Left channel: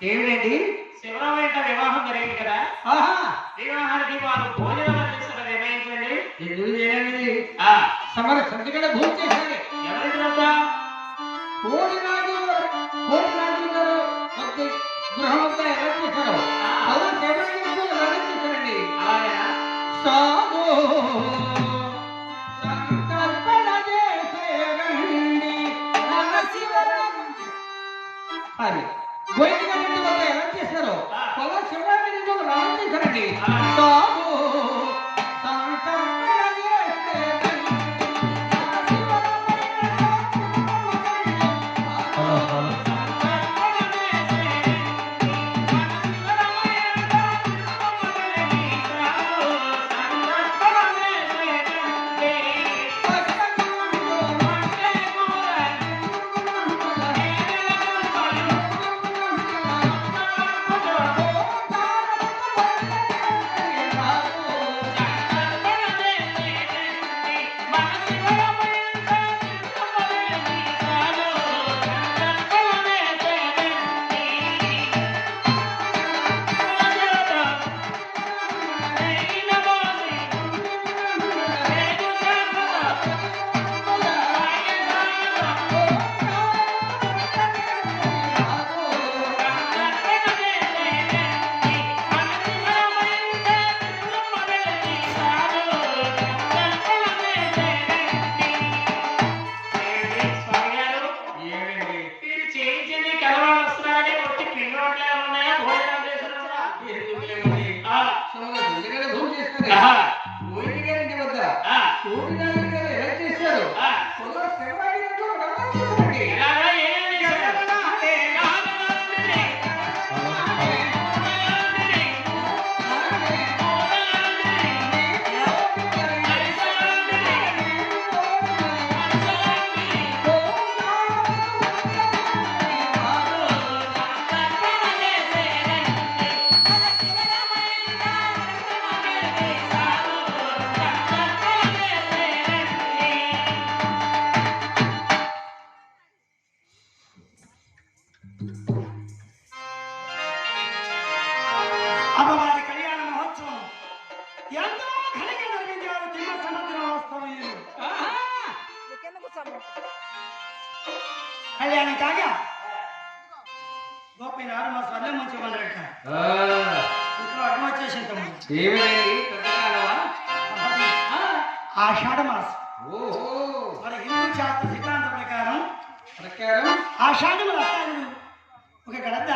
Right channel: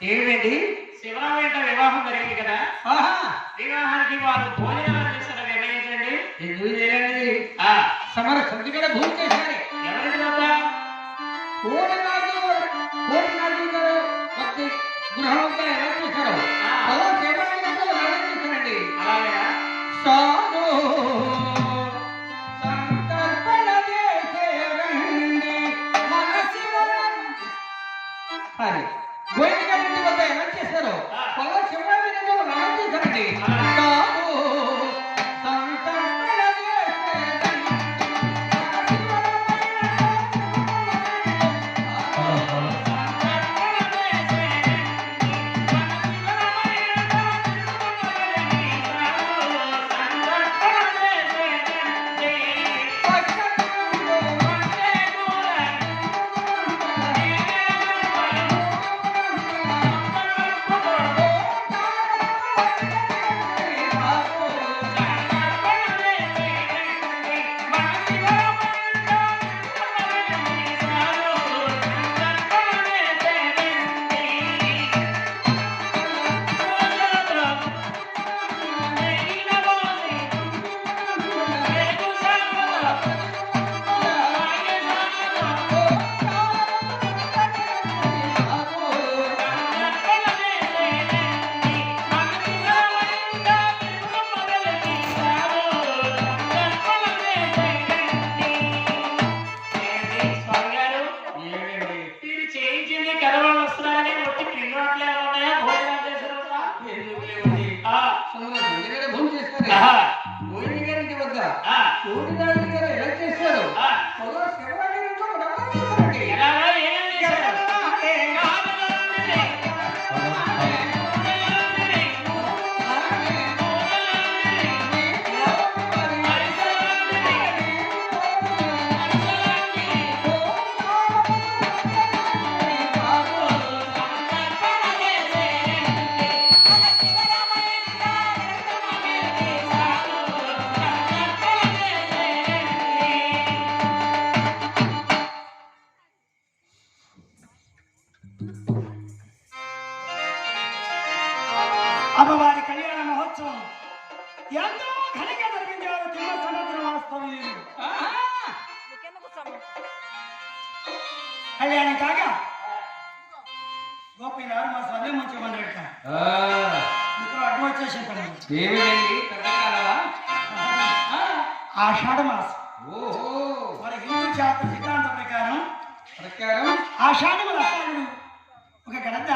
ఏమిటండి? శివరావు వివాహం జరిగింది కదా? వివాహానికి వారు భోజనాలు చేసిన నిర్ణయించండి ఎందుకు చేయండి సమర సంతకడ భూమి చేశారు ఎవరి వద్ద కోటి Thank you. గోవిందరెడ్డి వద్ద ఎలా చేశారు? ఎలా చేశారండి గారు ఎలా చేశారు? అమ్మవారి కళ్యాణ మహోత్సవం ఎంతో ఘనంగా జరిగించారు తిమ్మ సముద్ర వాస్తవం కళ్యాణం కాగా గోపయ్య గారు మా సర్లే మంచి మనరట ఇక్కడ అడ్డు వచ్చేసి తమ్ముడు. ఏమిటండి కట్టకాలవా ఆషాఢ మాసం. మన హిందూ శాస్త్ర సిద్ధాంత ప్రకారం ప్రకారం? ఆషాఢం అత్తాడు ఒక గడప